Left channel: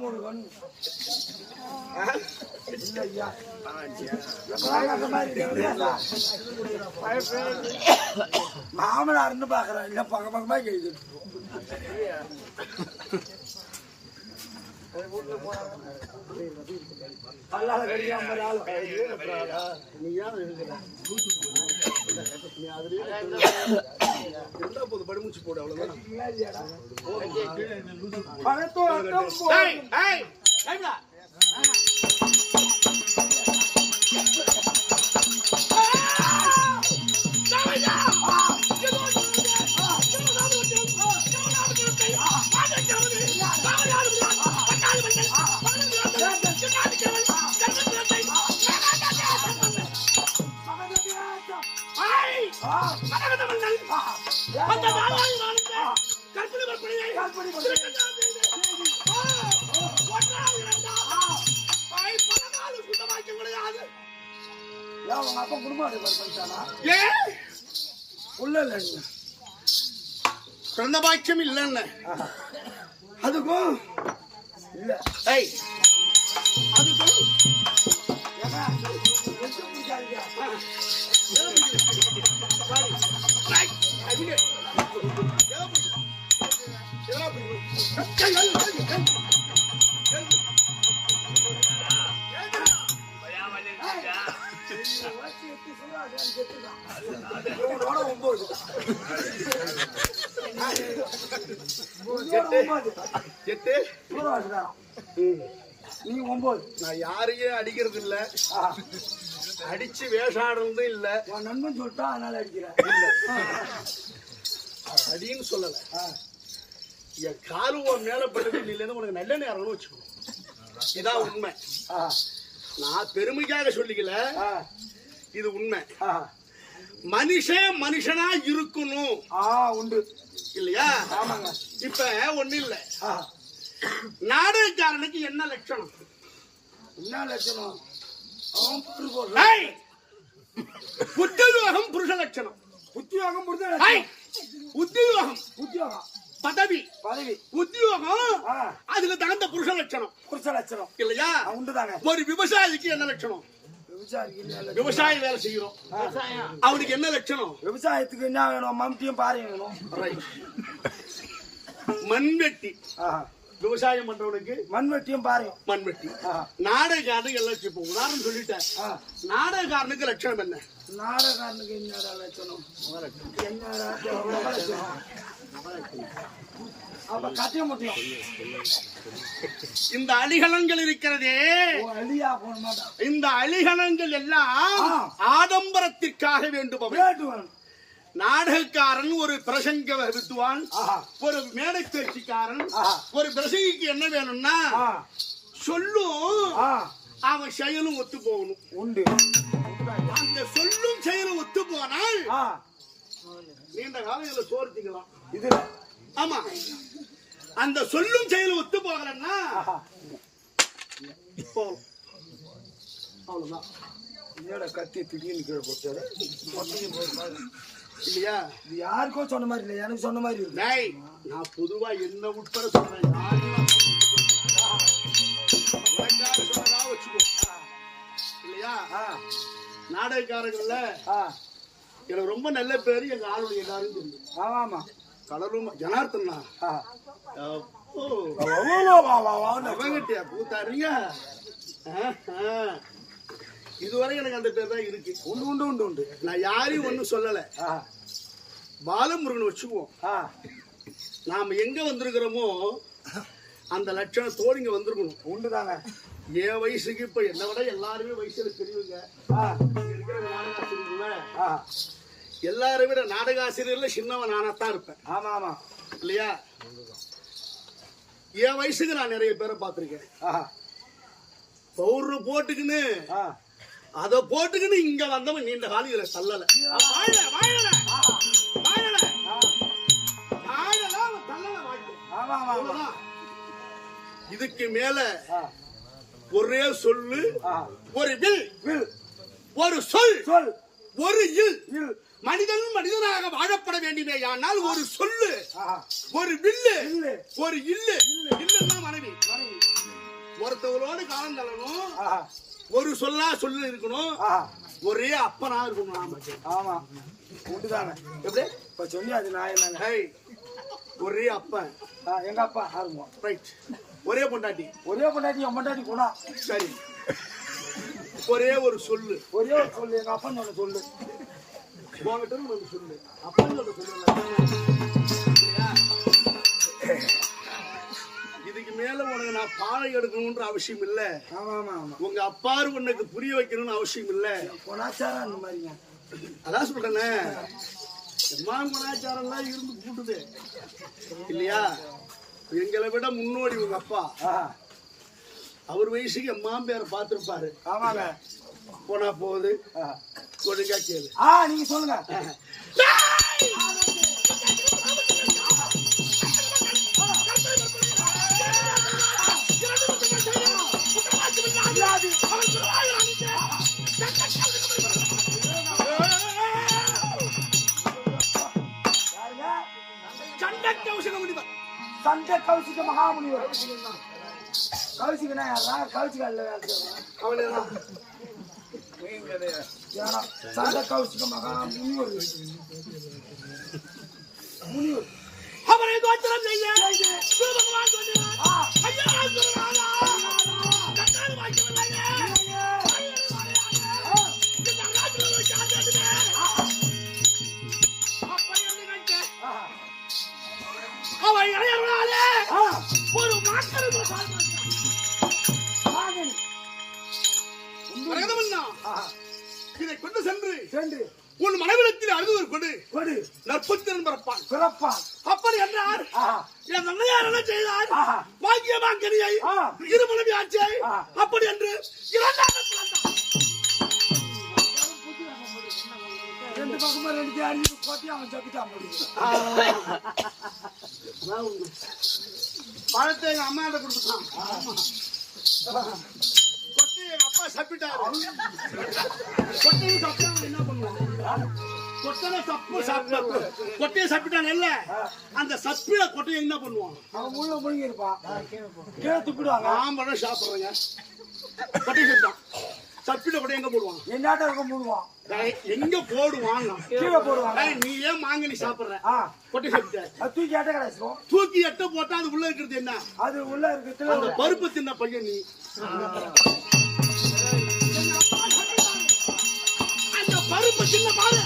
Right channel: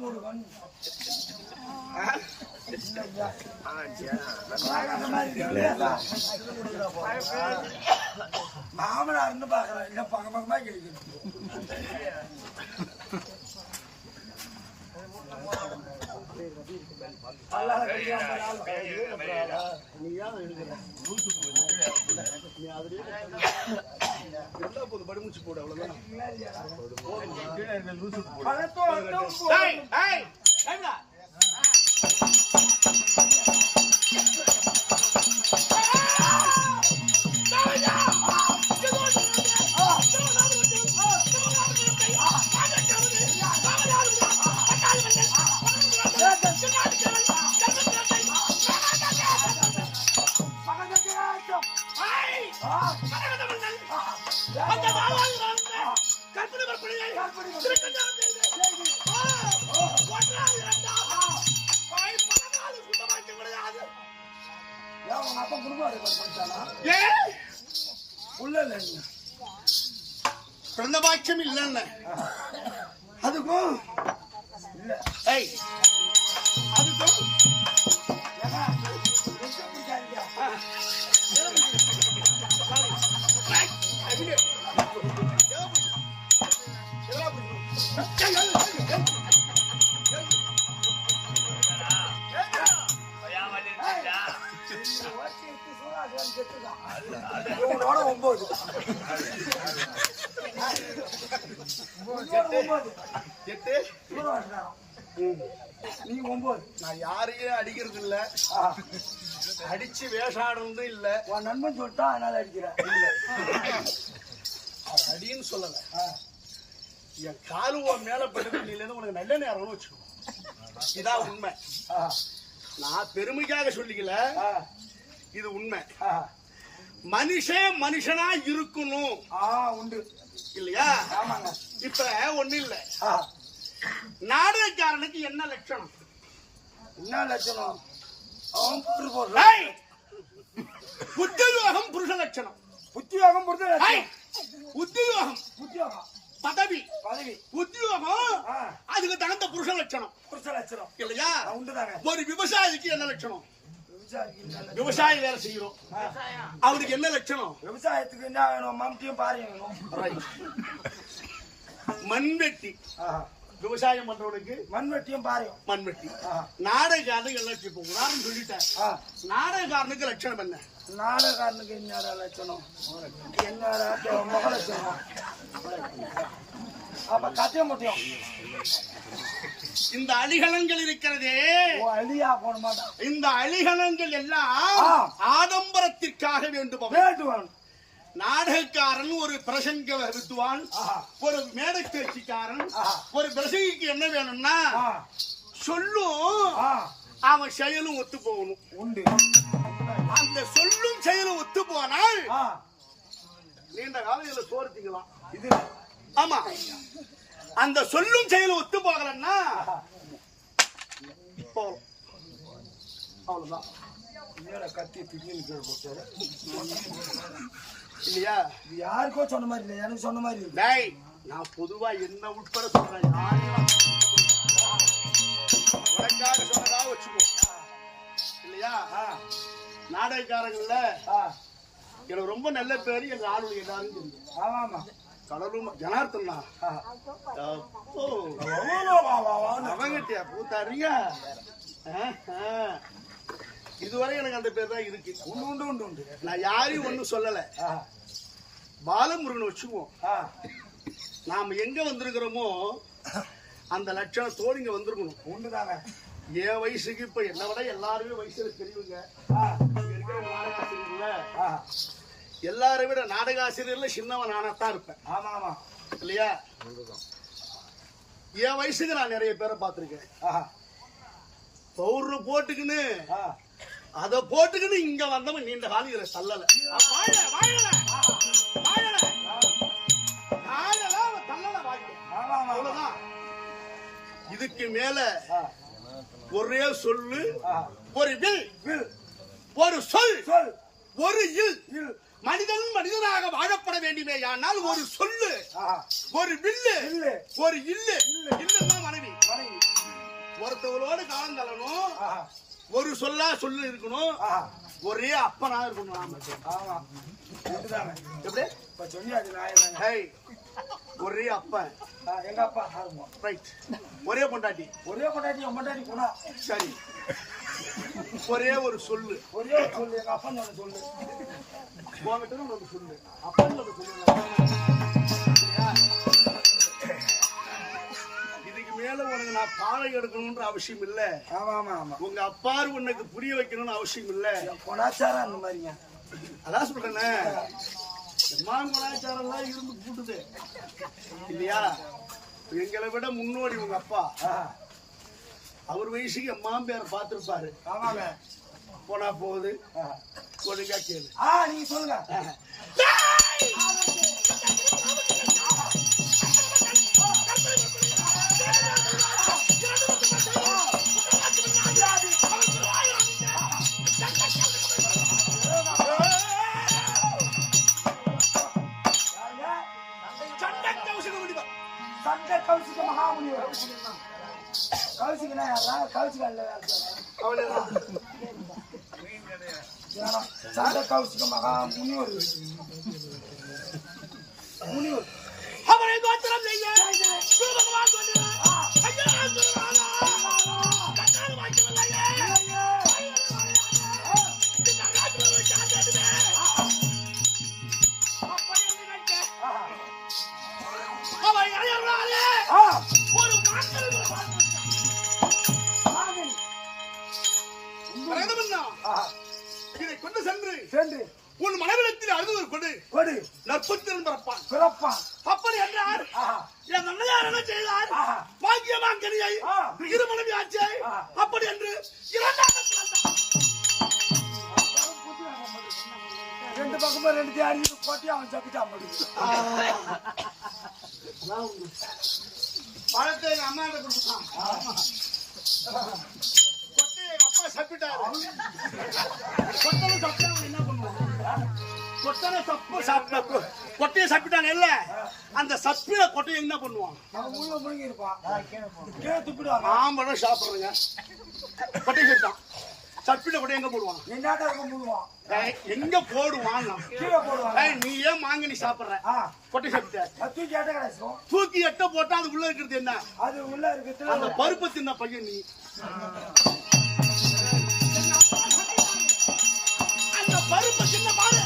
முருகன் மாமனார்னு பாக்குறேன் இல்ல பக்க பக்கமா கேக்குது படிமுச்சு போடு அவ்வளவுதான் பிறந்த பாக்கியம் இல்ல அதுக்கும் இல்ல அதுக்கும் நான் யாரையும் அடிக்கிறது இல்ல, அடிச்சு வேஷாடுறதும் இல்ல. உன் நண்பன் சொல்லிட்டா அதனால அடிக்கிறேன் இல்ல அடின்னு சொல்லல. என் காலு உன் மேல படுறது இல்லைன்னு உனக்கு நல்ல நேரம்னு வச்சுக்கோ. இதான் உண்மை. நான் பெருமைக்காக சொல்லிக்கல, இது உண்மை. மனுஷன் மனுஷனா இருக்கணும் உண்டு இல்லையா? ஆமாங்க. இப்ப ஒண்ணு இல்ல, நாடகக்காரனுக்கு என்ன லட்சணம்? என்ன லட்சணம்? உத்தியோகம் புருஷ லட்சணம். உத்தியோகம் புருஷ லட்சணம். உத்தியோகம் உத்தியோகம் பதவி பதவி உத்தியோகம் அதுக்கு தகுந்த புருஷ லட்சணம். புருஷ லட்சணம் இல்லையா? உண்டுதாங்க. ஒரு விவசாயிக்கு என்ன லட்சணம்? விவசாய வேலை செய்யறோம், அவருக்கு என்ன லட்சணம்? விவசாயத்துக்கு என்ன வேணும்? மம்டியும் பாருங்க வேணும். மண்வெட்டி விவசாயம் பண்றவனுக்கு மண்வெட்டியும் பாருங்க. மண்வெட்டி. நாடகக்காரனுக்கு எல்லாம் இப்போ உதாரணம் சொல்லிட்டேன். நாடகக்காரனுக்கு லட்சணம் என்ன? நாடகக்காரனுக்கு என்ன லட்சணம்? என்ன முக லட்சணம்? அப்ப கத்திய முடியும். இந்த அலிகலங்கள் இருக்கிறதே, அலியா போன மாட்டான். இந்த அலிகலங்கள் எல்லாம் ஆடம்பரத்திற்காக வேண்டும். நாடகக்காரன் ஒரு பிரசங்க வித்துவான், ஒரு மேடை பேச்சுக்காரன், ஒரு பிரசங்கிக்கு என்ன வேணும்னா சொல்லும் அவன் செயலும் ஒத்து போகணும். உண்டு. அந்த சொல்லும் செயலும் ஒத்து போனால் நீண்ட காலம் இதுல சோர்த்திக்கலாம். இது ஆமா. அந்த சொல்லும் செயலும் ஒத்து போகலன்னா போகலாம், அவ்வளவுதான். என்னோட கத்தி திடீர்னு கீழே போட்டாரு இல்லையா? இது யாருக்கோ சொன்ன மாதிரி இல்லை, எனக்கு சொன்ன மாதிரி இருக்கு. நான் பொதுவா என்ன உட்பட சொல்றேன். உனக்காக சொன்னதா வச்சுக்கோ இல்லையா? நாடகக்காரங்கள்ல எனக்கு ரொம்ப நல்ல பேரு எங்க ஆளுடைய எல்லாரும் தெரியும். ஆமா. கடலும் ஜனார்த்தனா அவங்கிட்டியா பூத்தாரிங்க. இதுவரை எனக்கு அந்த பேர் தான் இருக்கு. உண்டு உண்டு உண்டு உண்டு. நான் யாரையும் ஒன்னும் சொல்லல. பாலமுருகன் வச்சுக்குவோம். நாம எங்க வந்திருக்கிறோமோ அந்த லட்சணத்தோடு இங்க வந்திருக்கணும். உண்டுதானே. என் வயசுக்கு இப்ப என்ன விட எல்லாருமே வயசுல தெரியுங்க. இருக்கிற நாடகாசிரியர்கள எல்லாரை விட நாடகாசிரியர்ல சின்னவன் நானாத்தான் இருப்பேன். ஆமா ஆமா இல்லையா? என் வயசுக்கு நான் நிறைய பேரை பார்த்திருக்கேன். பவுடர் போட்டுக்குன்னு அத போட்டுக்குன்னு இங்க வந்தவன் நீண்ட காலம் இதுல தள்ளல. அவ்வளவுதான். இதுக்கு மேல ஒரே சொல்லு, ஒரு வில், ஒரு சொல், ஒரு இல் மனிதன் மனிதனாக வாழப்பட வேண்டுமே. ஆனால் ஒரு சொல்லு, ஒரு வில்லு, ஒரு இல்லு. இல்லுன்னா மனைவி. ஒருத்தவரோடு காலம் தள்ளணும், ஒரு சொல்லு இருக்கணும், ஒரே அப்பனா இருக்கணும். ஆமா எப்படி இப்ப சொல்லி அது நான் ஒரே அப்பன் எங்க அப்பா ஆரம்பம். ரைட். ஒரே பொண்டாட்டி என் பொண்டாட்டி போனா சரி. ஒரே ஒரு சொல்லு, ஒரே ஒரு சொல்லு. எங்க அப்பா ஒண்ணு சொல்லு, உங்ககிட்ட ஒண்ணு சொல்லு, அப்பன்னு ஒண்ணு சொல்லு. இதுக்கு மேல உனக்கு நான் பாலை எடுக்கணும்ன்ற அவசியம் இல்ல. உங்க அப்பாரு உனக்கு புரிய வைக்கணும்னு அவசியம் இல்ல. கொணாச்சாரம் அந்த மாதிரிங்க. அதான் சொல்றேன்னு எம்மா கொணாச்சாரம் எல்லாம் இருந்து கூட்டுது இல்லையா. எங்களை விட முன்னோடி உங்க அப்பா. அவர் வயசுக்கு எம்மா பேரை பார்த்திருப்பாரு. ஆமாங்க. போனா போகுது, ஒழுங்கா கேளு. நீங்க சொல்லுங்க. சண்டை கௌசிக மகாமுனிவர். கௌசிகனா யாரா? கௌசிகா இல்ல, அவ்வளவுதான். சண்டை கௌசிக மகாமுனிவர். முனிவர் அவரை தோற்றம் செய்ய பகவான் சொன்னார். ஐயா குருநாதா, கண்ணால் வாக்கியவில்லையே. இந்த ராஜ்யத்தை காண்டதுமே அப்படி நினைக்க அவை அயர்வாலே ஒரு மாற்றத்தை இதை கொண்டு சென்று உன் மனைவிடத்தில் அழுதுவர் கொடு நற்புத்திரன் பிறப்பான். அப்படி என்றார். என் அண்ணையார் என்ன செய்தார்? பாக்கியமாங்கனியை இருமனைவி ஆட்சியை அப்படி என்று இரண்டாக பிறந்தார். ரெண்டு பக்கமும் ரெண்டு தேடி கோட்டி அவன் சப்பிட்டான். பழத்தை எங்க அம்மா கொடுத்தான். கொட்டை எங்க அப்பா சப்பிட்டாரு. கொட்டனை சப்பிட்டான் என்ன பண்ணுவான்? கொட்டனை கொட்டையை சப்பிட்டான் இல்ல, அந்த சப்பில கொட்டையை என்ன பண்ணுவான்? முள்ள முழுங்கி இருப்பான், கீழே துப்பிடுவாங்க. ஆம்பளை சாப்பிடுறேங்க. கொட்டையை சப்பிட்டான். சப்பில கொட்டை எங்க போடுவான்? என்னாட்ட மூடுவான். எங்க போடுவான்? கீழே போடுவான். நீ ஏன் மாங்கனி சாப்பிடுற? கொட்டை சாப்பிட்ட தூக்கி எட்ட கிடைக்கும். தூக்கி எட்ட போட்டா அது உள்ள இருக்கிறது என்ன? அது உள்ள இருக்கிறது அந்த பருப்பு தின்ன பையன் நீ. அந்த பருப்பு சின்ன பாரு.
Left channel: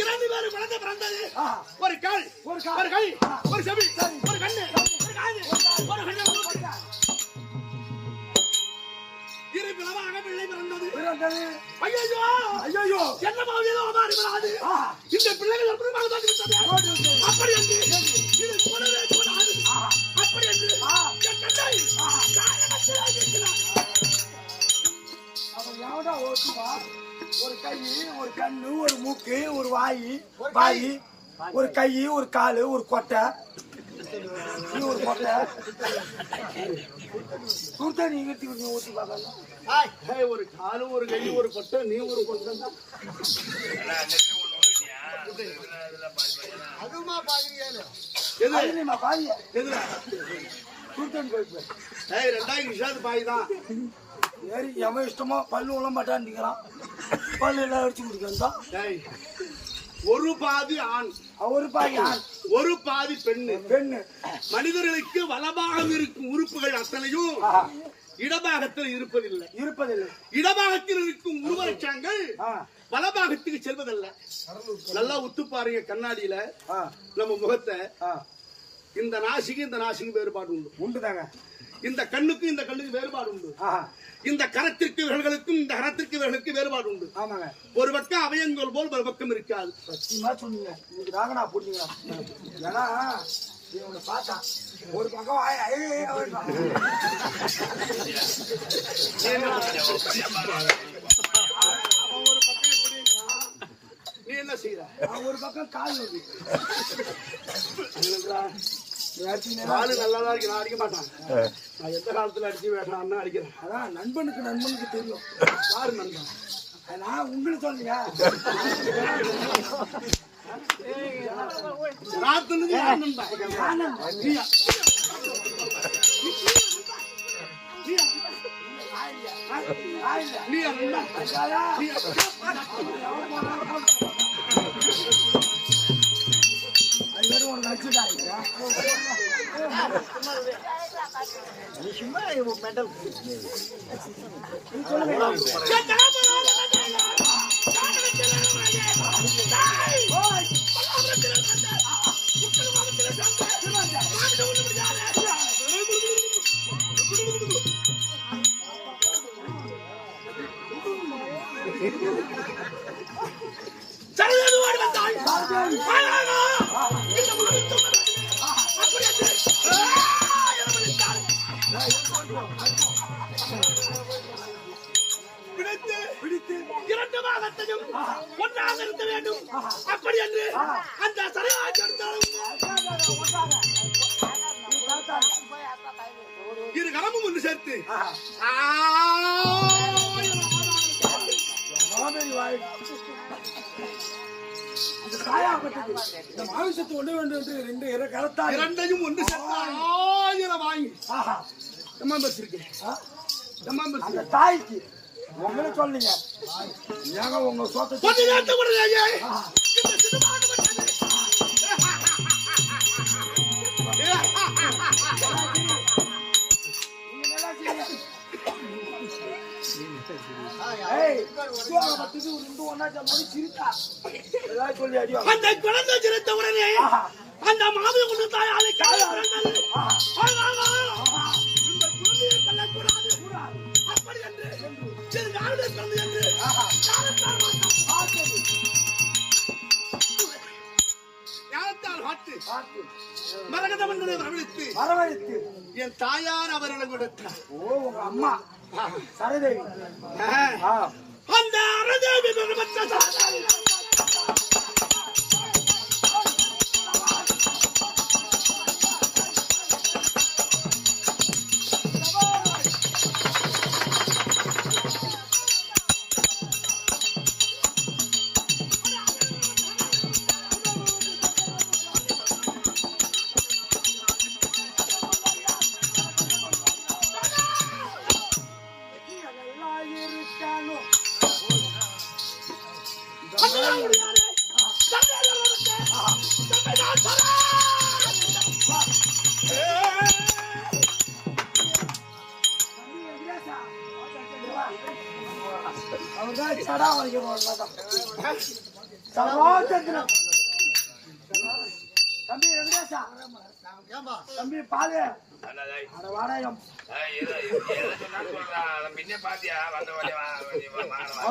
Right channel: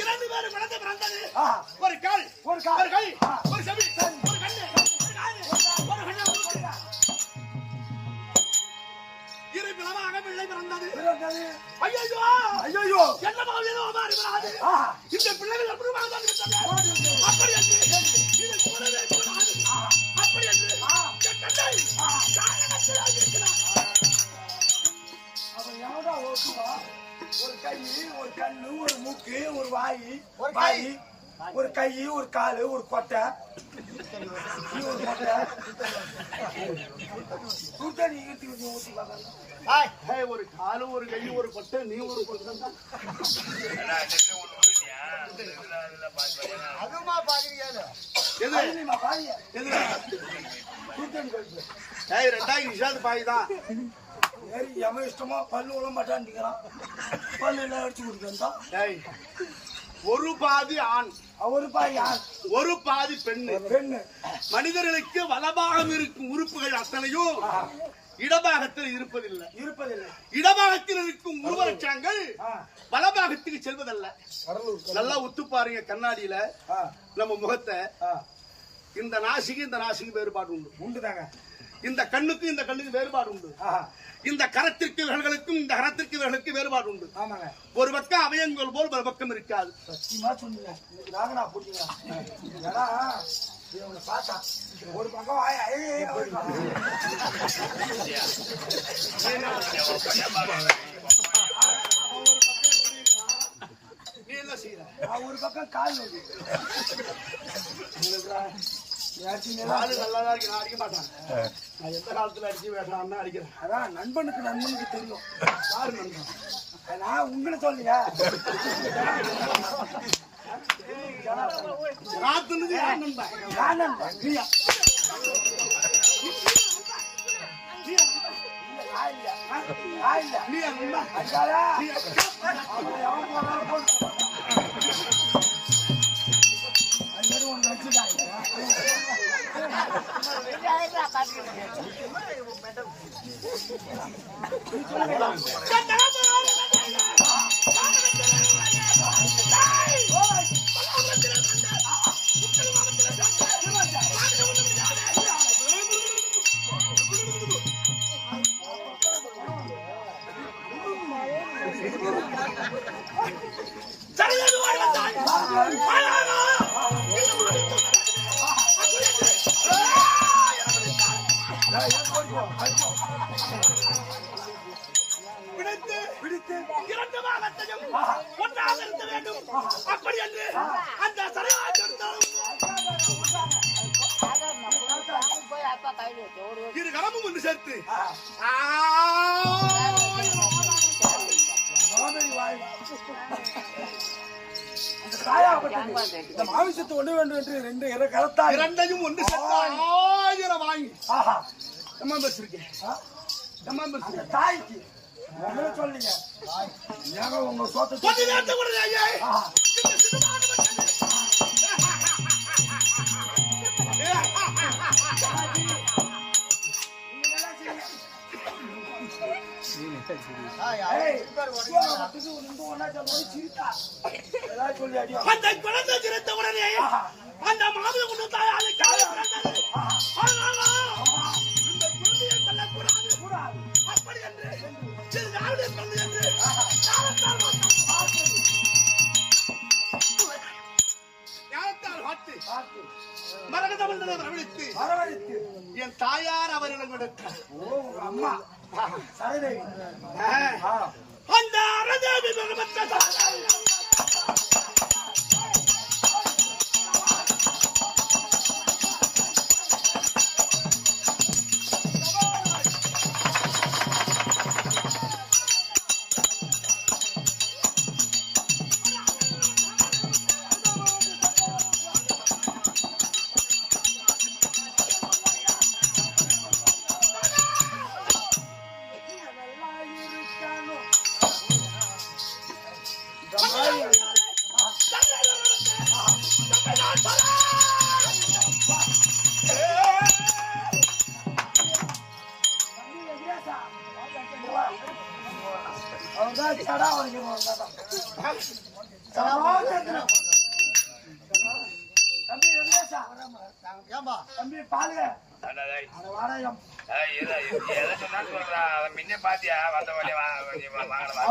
இரண்டு பேரும் குழந்தை பிறந்தது. ஒரு கால், ஒரு கை, ஒரு செவி, ஒரு கண்ணு, ஒரு காது, ஒரு கண்ணு. இரு பிளவாக பிள்ளை பிறந்தது. ஐயோ ஐயோ, என்ன ஏதோ மாறி வராது. இந்த பிள்ளைகள் எப்படி அப்படி என்று இது கூடவே கூடாது. அப்படி என்று அவன் எவடா ஓட்டுவா? ஒரு கை, ஒரு கண்ணு, ஒரு மூக்கு, ஒரு வாய், ஒரு கை, ஒரு காலு, ஒரு கொட்டை, ஒரு கொட்டை. ஒரு காலு, ஒரு கை, ஒரு கொட்டை, நீ ஒரு கொட்டை. அதுமா பாக்குறீங்க? எதுல? 2000 பாய் தான். எவன் இஷ்டமா பல்லு உள்ள மாட்டான்றான். பல்லு எல்லாம் அடிச்சு கொடுத்தான். ஒரு பாதி ஆண், ஒரு பாதி ஆண், ஒரு பாதி பெண்ணு. மனிதர்களுக்கு வலபாகம் இருக்கும் உறுப்புகள் அத்தனையும் இடபாகத்தில் இருப்பதில்லை. இடபாகத்தில் இருக்கும் உருவலட்சங்கள் வலபாகத்துக்கு செல்வதல்ல. நல்லா உத்து பாருங்க கண்ணாடியில நம்ம முகத்தை. இந்த நாசிக்கு வேறுபாடு உண்டுதாங்க. இந்த கண்ணுக்கும் இந்த கண்ணுக்கு வேறுபாடு உண்டு. இந்த கரத்திற்கு விரல்களுக்கும் இந்த கரத்திற்கு விரலுக்கு வேறுபாடு உண்டு. ஆமாங்க. ஒரு பக்கம் அவயங்கள் போல் ஒரு பக்கம் இருக்காது. சொன்னீங்க இதுக்காக நான் போட்டீங்க. ஏன்னா இவனை பார்த்தா ஒரு பக்கம் நீ என்ன செய்யற? ஒரு பக்கம் கால் நோக்கி நாலு நல்லாதான் இருக்கு. நான் அடிக்க மாட்டேன். நான் எந்த காலத்துல அடிச்சு வேண்டாம் அடிக்கிறேன். அதான் நண்பனுக்கு தெரியும். யாரு நண்பன்? நான் உங்களுக்கு சொல்லுங்க. நீயா பிடித்து இரண்டு பாகத்தையும் ஒன்றாக இருக்க வேண்டும். அப்படி என்று அந்த இரு கரமும் ஒன்று சேர்த்து இந்த மாமிசத்தை ஒண்ணு வேண்டும் என்று ரெண்டு கரத்தால் இரண்டையும் ஒன்று சேர்த்து 1000 வாங்கி அந்த தாய்க்கு உங்களை சொல்லுங்க. ஏங்க உங்க சொத்தை அந்த குழந்தை சிரித்த உடனே அந்த மாமியை கொண்டு தாயாலை இந்த குழந்தையை கொல்லக்கூடாது. அப்படி என்று பிறந்து என்று ஞானத்தால் பார்த்து மரகத மன்னனை வரவழைத்து என் தாயார் அவரிடம் கொடுத்தார். உங்க அம்மா சரதேவி அந்த அரதேவி தம்பி பாலு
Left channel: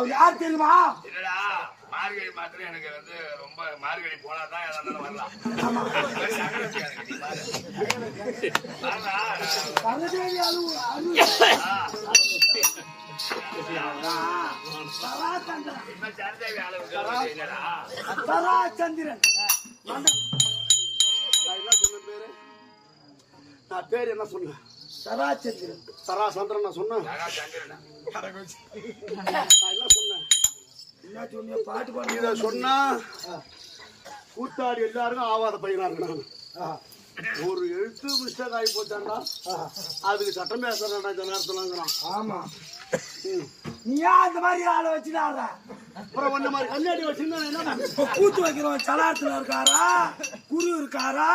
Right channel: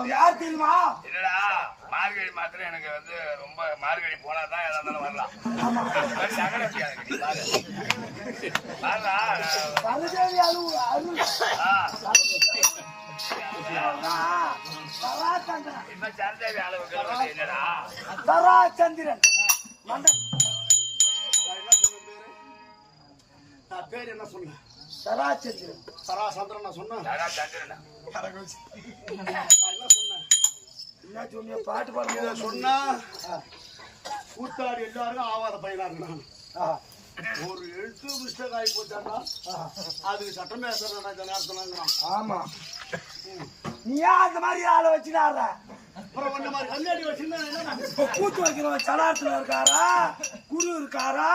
யார் தெரியுமா? இல்லடா மார்கழி மாத்திரம் எனக்கு வந்து ரொம்ப மார்கழி போனாதான் ஏதாவது வரலாம். சரதேவி அளவுக்கு இல்லடா தராச்சந்திரன் நான் பேர் என்ன சொன்னேன்? தராச்சந்திரன் சராசந்திரன் நான் சொன்னேன். என்ன சொன்னிய பாட்டு பாடு இதை சொன்னா கூத்தாடி எல்லாருக்கும் ஆவாத பையனா இருந்தாங்க. ஒரு எழுத்து மிஸ்டேக் ஆகி போச்சாண்டா அதுக்கு சட்டம் பேசுறேன் ஜனார்த்தனாங்கிறான். ஆமா நீ ஏன் அந்த மாதிரி ஆளை வச்சுனார? அப்புறம் வந்த மாதிரி கண்ணாடி வச்சிருந்தா என்ன கூத்து வைக்கிறவன் சலாத்துல இருக்காரா, குரு இருக்காரா,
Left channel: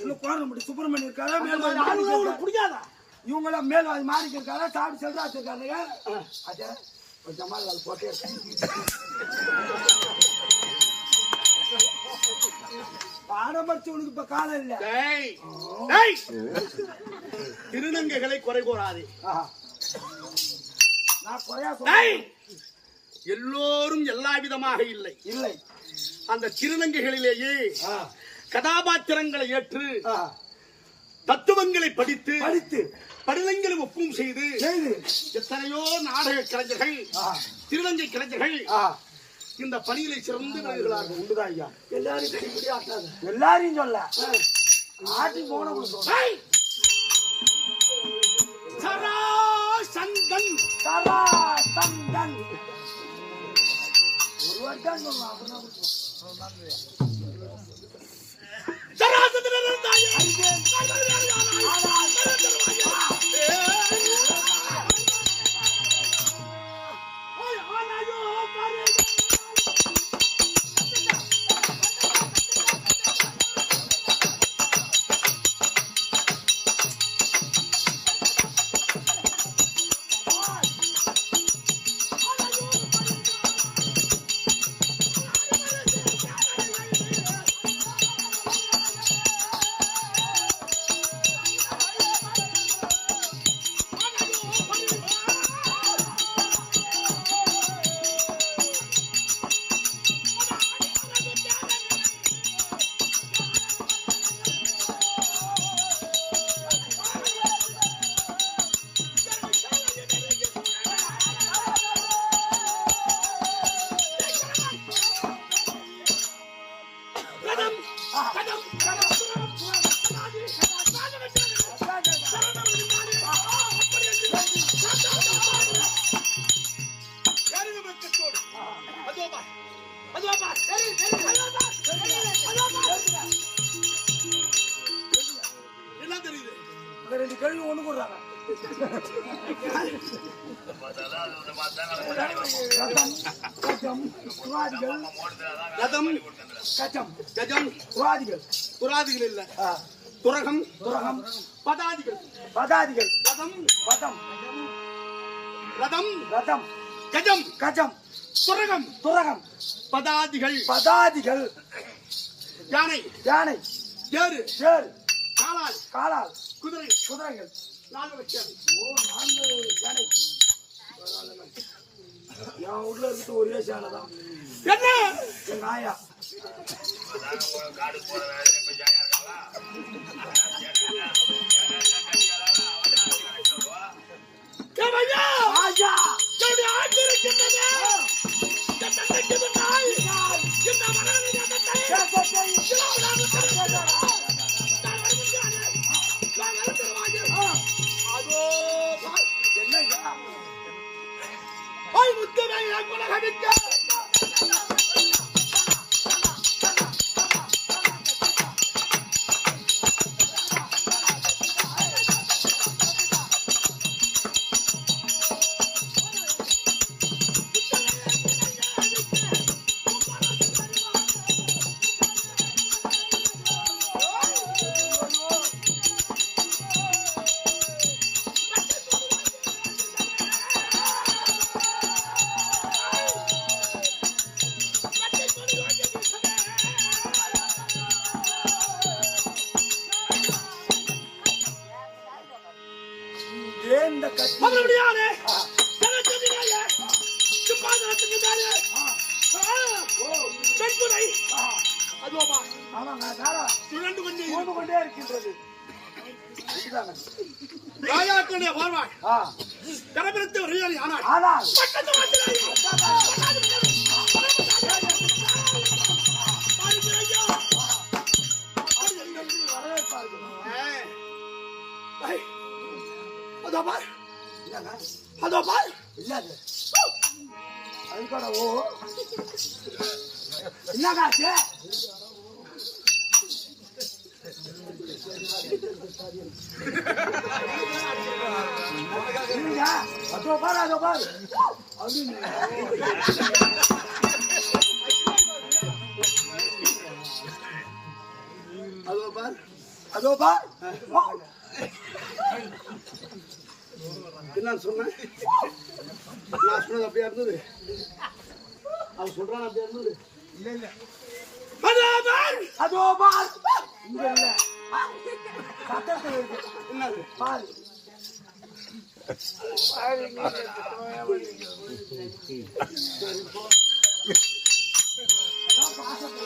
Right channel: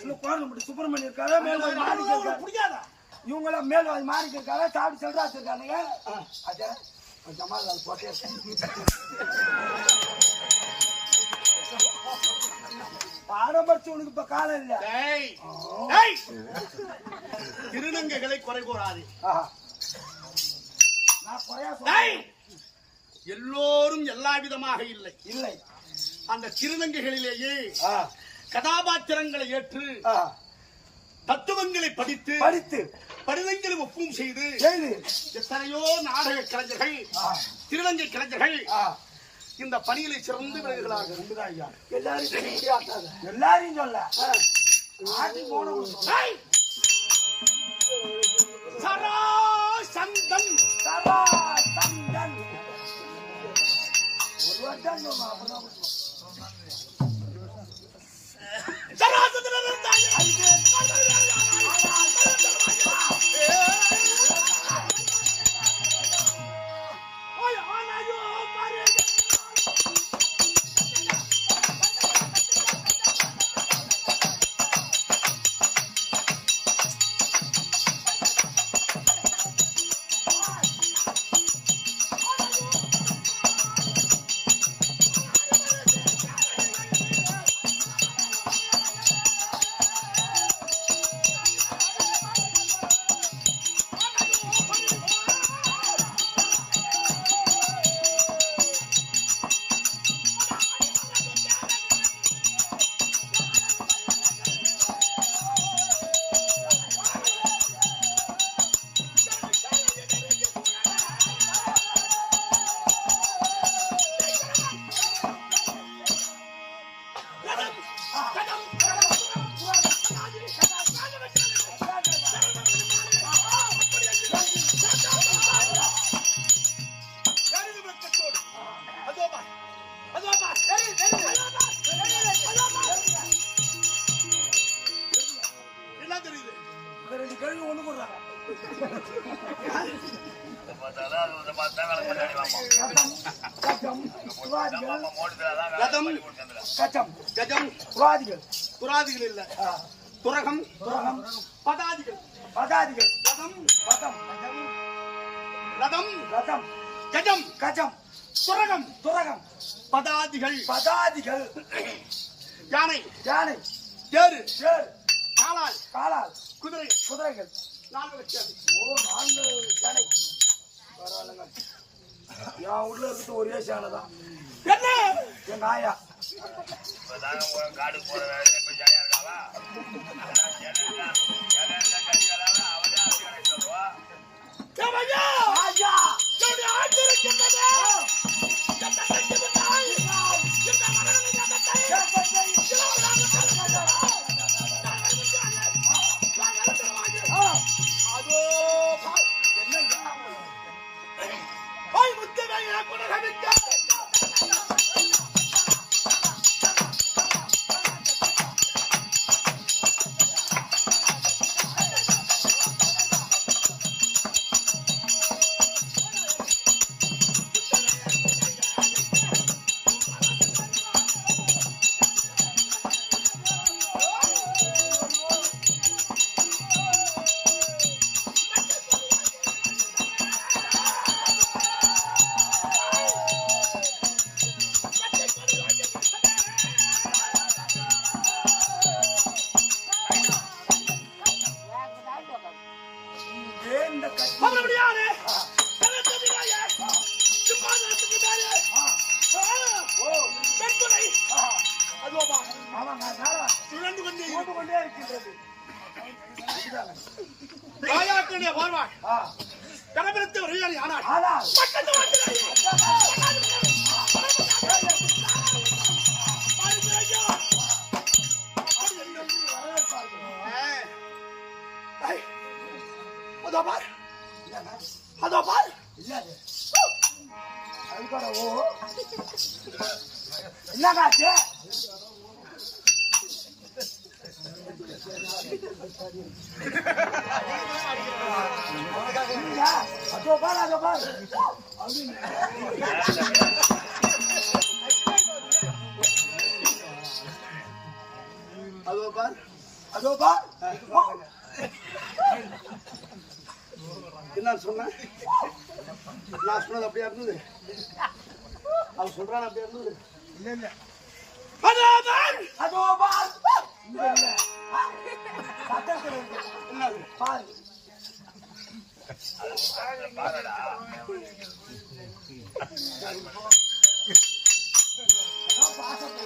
இல்ல கோரம்பட்டி சுப்பிரமணியம் இருக்காரா, மேல்வாதி மாணிக்க புரியாதா? இவங்களாம் மேல்வாதி மாணிக்க இருக்காரா, சாப்பிட்டு செல்ராஜ் இருக்காருங்க. கொஞ்சமா போட்டே இருக்கேன். பாடம் படிச்சு உனக்கு இப்ப காலம் இல்ல. திருநங்கைகளை குறை கூறாதே. நான் குறையா சொல்றேன். எல்லோரும் எல்லா விதமாக இல்லை இல்லை. அந்த திருநங்கைகளிலேயே கதாபாத்திரங்களை ஏற்று தத்துவங்களை படித்து படிதங்களை ஒப்பும் செய்து எத்தனையோ நாடக கலைஞர்கள் திருநங்கை கலைஞர்கள் இந்த பணியிலே சிறந்து விளங்குகிறார்கள். உண்டுதான் ஐயா. எல்லாரையும் சொல்ல ஆட்டி போன சந்தன் ஒரு வருடம் அப்படின்னா துராதிகள் இல்ல துரகம் பதாதிகள் ரதம் ரதம் கஜம் துரகம் பதாதிகள் யானை தேரு காலால் குதிரைகள் 4 சேனை. யானை என் வீட்டுல இருக்கிறது ஒரே சேனை தான். என்ன எங்க ஆயா காடுக்கு போற இப்ப ஜாயா இருக்காளா சொல்லுவா. என்னக்காச்சு அதோ பாரு என்ன சொன்ன? நான் சொன்னது அப்படியா இருந்தது? அவன் சொல்றான் அப்படியா இருந்தது? இல்ல அதோ பார் இங்க இல்ல சத்தத்துல இருக்கு என்னது பாரு பாருடா. அதான் பாசம்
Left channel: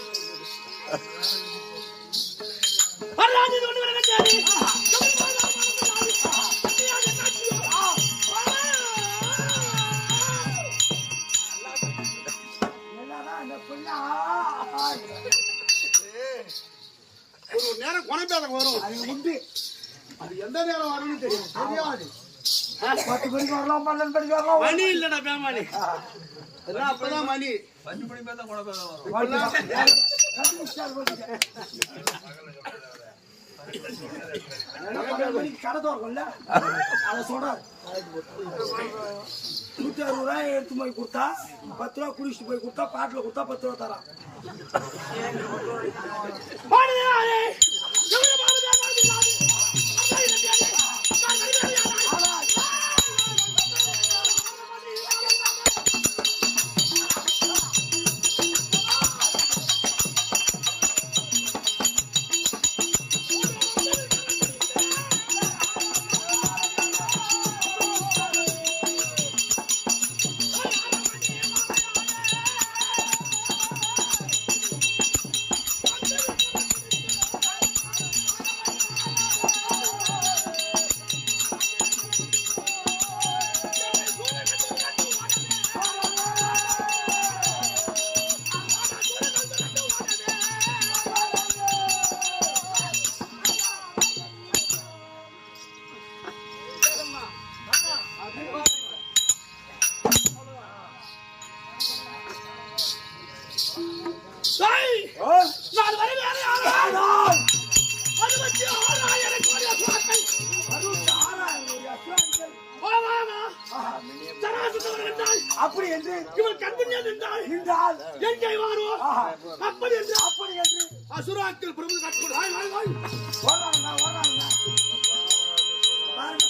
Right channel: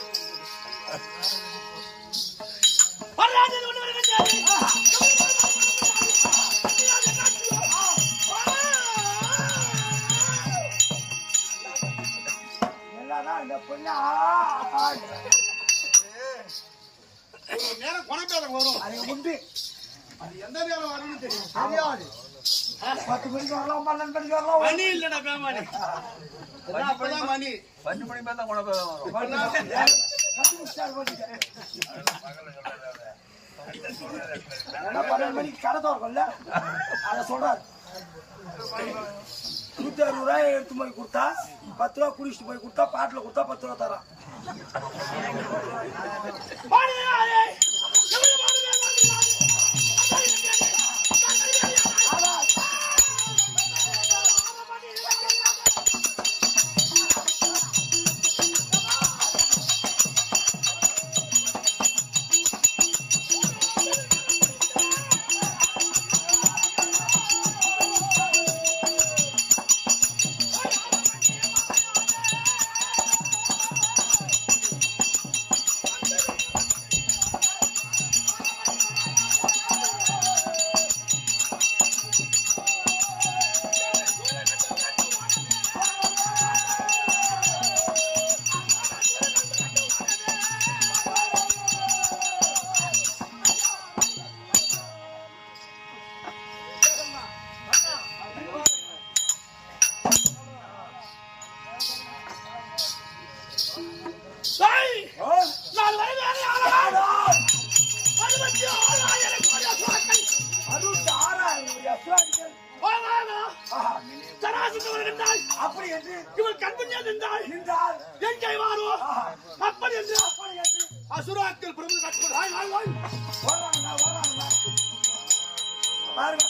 எல்லாதான் இந்த பொண்ணு ஒரு நேரம் குணப்பேதம் வரும். அது உண்டு. அது எந்த நேரம் வரும்னு தெரியும். தெரியாது. 10 மணிக்கு வரலாம் 12 மணிக்கு வரலாம். மணி இல்லடா பேமானி. எல்லாம் அப்பதான் மணி. 5 மணி மேல தான் குணப்பேதம் வரும். கண்டுபிடிச்சாரு போட்டுட்டேன். பகல்ல சொல்லாத. 12 மணிக்கு கடை திறக்கும்ல அதை சொல்றாரு. 160 ரூபாய் எடுத்து போய் கொடுத்தா 10 ரூபா குடிச்சிட்டு போய் கொடுத்தா பாட்டில் கொடுத்தா 10 ரூபா தரான். நான் வருவேன். 66,000 கோடி அசுராக்கள். 66,000 சராசத்து வருகின்றாள். அப்படி என்று இவள் கண்முன்னே நின்றாள். என் கைவாரோ அப்படி என்று அசுராக்கள் பிரபு கட்டுகிறாய். வர்றாங்க பாருங்க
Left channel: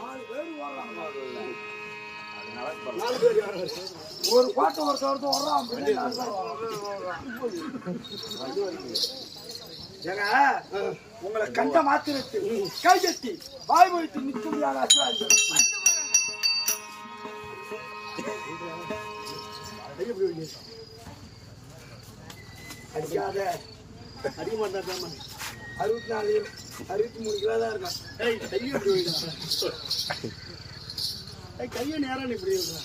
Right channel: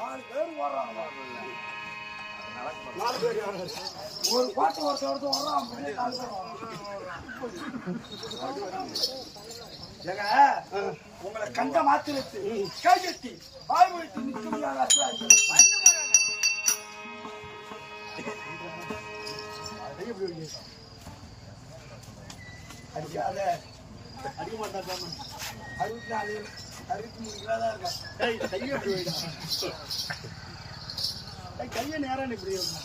4 பேர் வர்றாங்க. 4 பேர் யாரு? ஒரு பாட்டு ஒருத்தர் வர்றான் பின்னாடி 4 பேர் வர்றாங்க. ஏங்க உங்களை கண்ட மாத்திரத்து கைதட்டி வாய் வைத்து நிற்க முடியாத அசுராஜ் அடிக்காத அடிக்க மாட்டா பேமா. 64 63 கிலோ தான் இருக்கான். கையை எப்படி வைடா. கையை நேரம் இப்படி வைடா.